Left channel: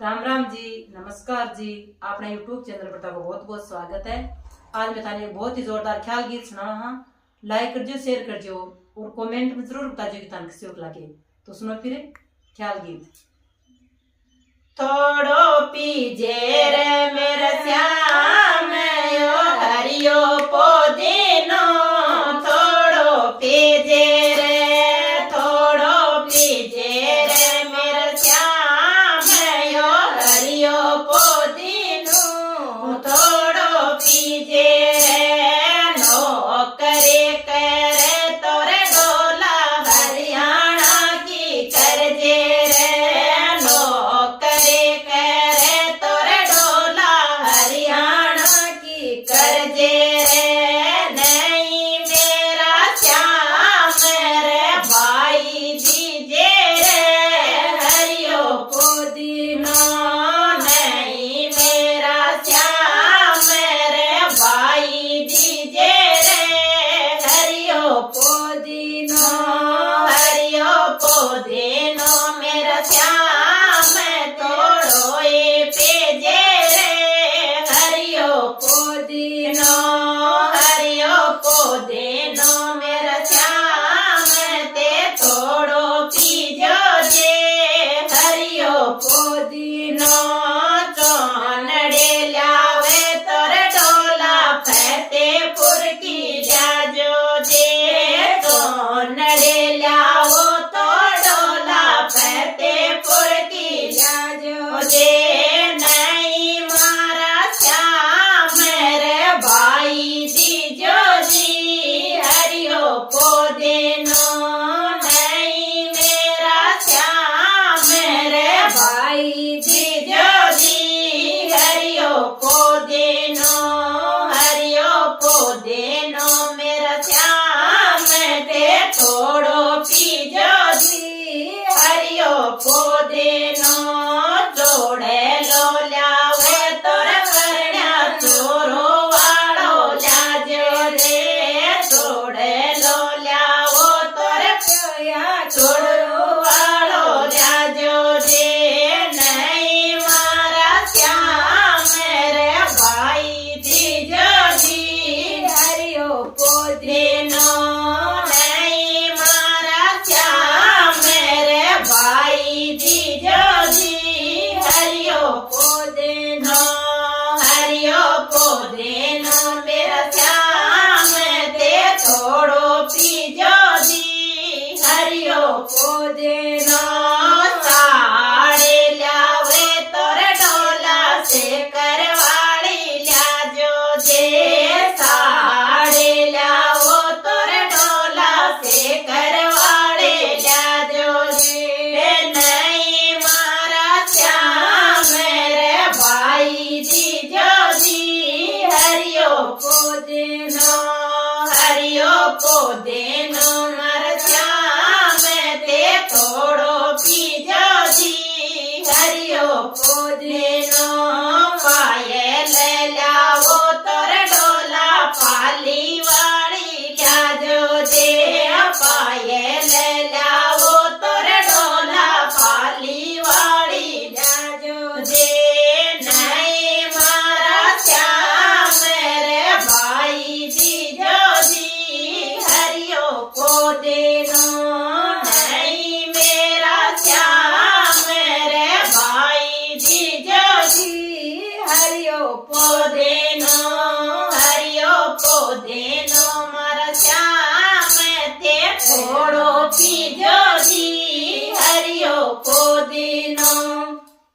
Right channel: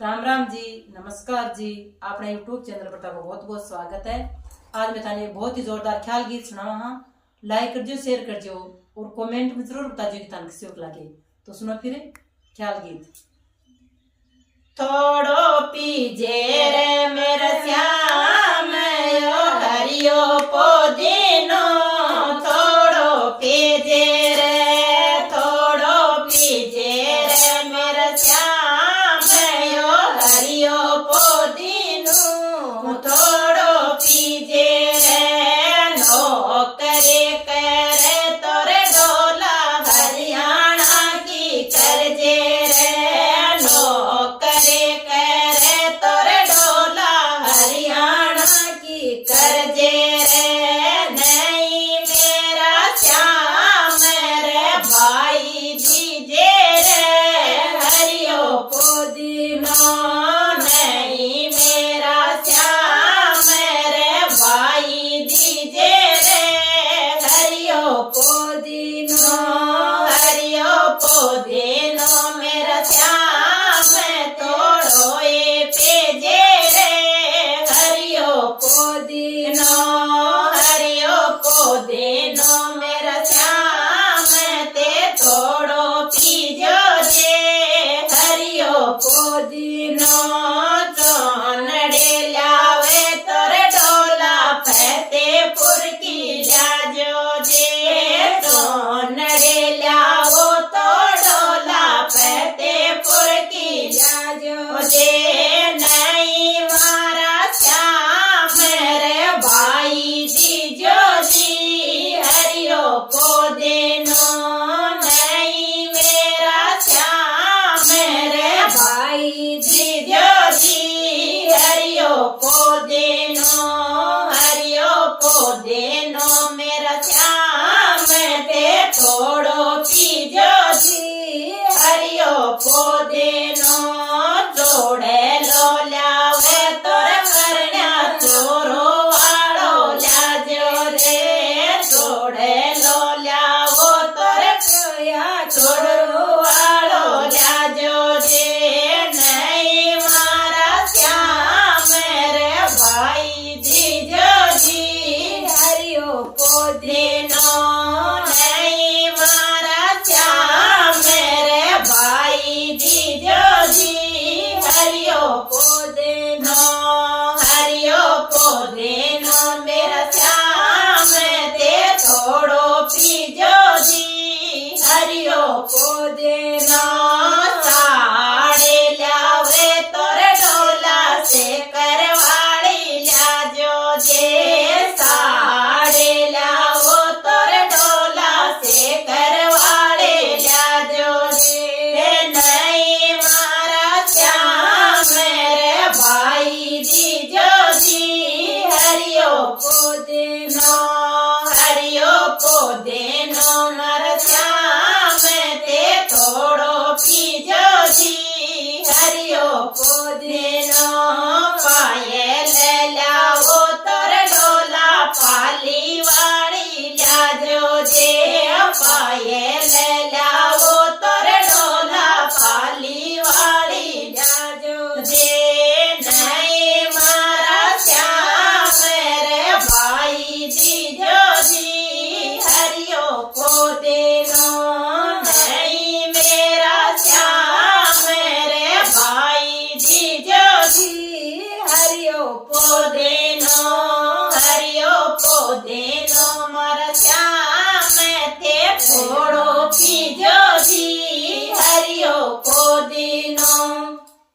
राम राम जी, नमस्कार जी। अपने YouTube channel पर आपका बहुत बहुत स्वागत है। आज मैं थाने बहुत ही जोरदार ख्याल गीत सुनावा हाँ। लाइक कर जो, शेयर कर जो और कमेंट में जरूर बता जो कि थाने किसी को लगे। तो सुनो फिर ख्याल गीत। थोड़ो पीजे रे मेरे श्याम यो हरियो पोदिनो थोड़ो पीजे रे थोड़ो पीजे रे मेरे श्याम यो हरियो पोदिनो थोड़ो पीजे रे नो करे करे तोरे डोला हरियाणा की करजे रे नो करे करे तोरे डोला हरियाणा की करजे रे नहीं मेरा श्याम रे भाई दीजे रे हरियो पुदीनो नहीं मेरा श्याम रे भाई दीजे रे हरियो पुदीनो हरियो पुदीनो मेरा श्याम तोड़ो ये पेजे रे हरियो पुदीनो हरियो पुदीनो मेरा श्याम ते तोड़ो पीजो जे हरियो पुदीनो चौनड़े लावे तोरे डोला फतेहपुर की जाजो जे चौनड़े लाओ तो डोला फतेहपुर की जाजो जे नहीं मारा श्याम रे भाई दीजो जी हरियो पुदीनो नहीं मेरा श्याम रे भाई दीजो जी हरियो पुदीनो हरियो पुदीनो मेरा श्याम ते थोड़ो पीजो जी हरियो पुदीनो जोड़े लो लावे तोरे परण्या चोरो वालो लाजो रे जोड़े लो लावो तोरे प्योया चोरो वालो लाजो रे नहीं मारा श्याम रे भाई दीजो जी हरियो पुदीनो नहीं मारा श्याम रे भाई दीजो जी हरियो पुदीनो हरियो पुदीनो मेरा श्याम ते थोड़ो पीजो जी हरियो पुदीनो साड़े लावे तोरे डोला से करवाड़ी लाजो जे साड़े लाओ तोरे डोला से करवाड़े लाजो जे नहीं मारा श्याम रे भाई दीजो जी हरियो पुदीनो हरियो पुदीनो मारा श्याम ते थोड़ो पीजो जी हरियो पुदीनो पायल लाओ तोरे डोला पाली वाली लाजो जे पायल लाओ तोरे डोला पाली वाली लाजो जे नहीं मारा श्याम रे भाई दीजो जी हरियो पुदीनो नहीं मेरा श्याम रे भाई दीजो जी हरियो पुदीनो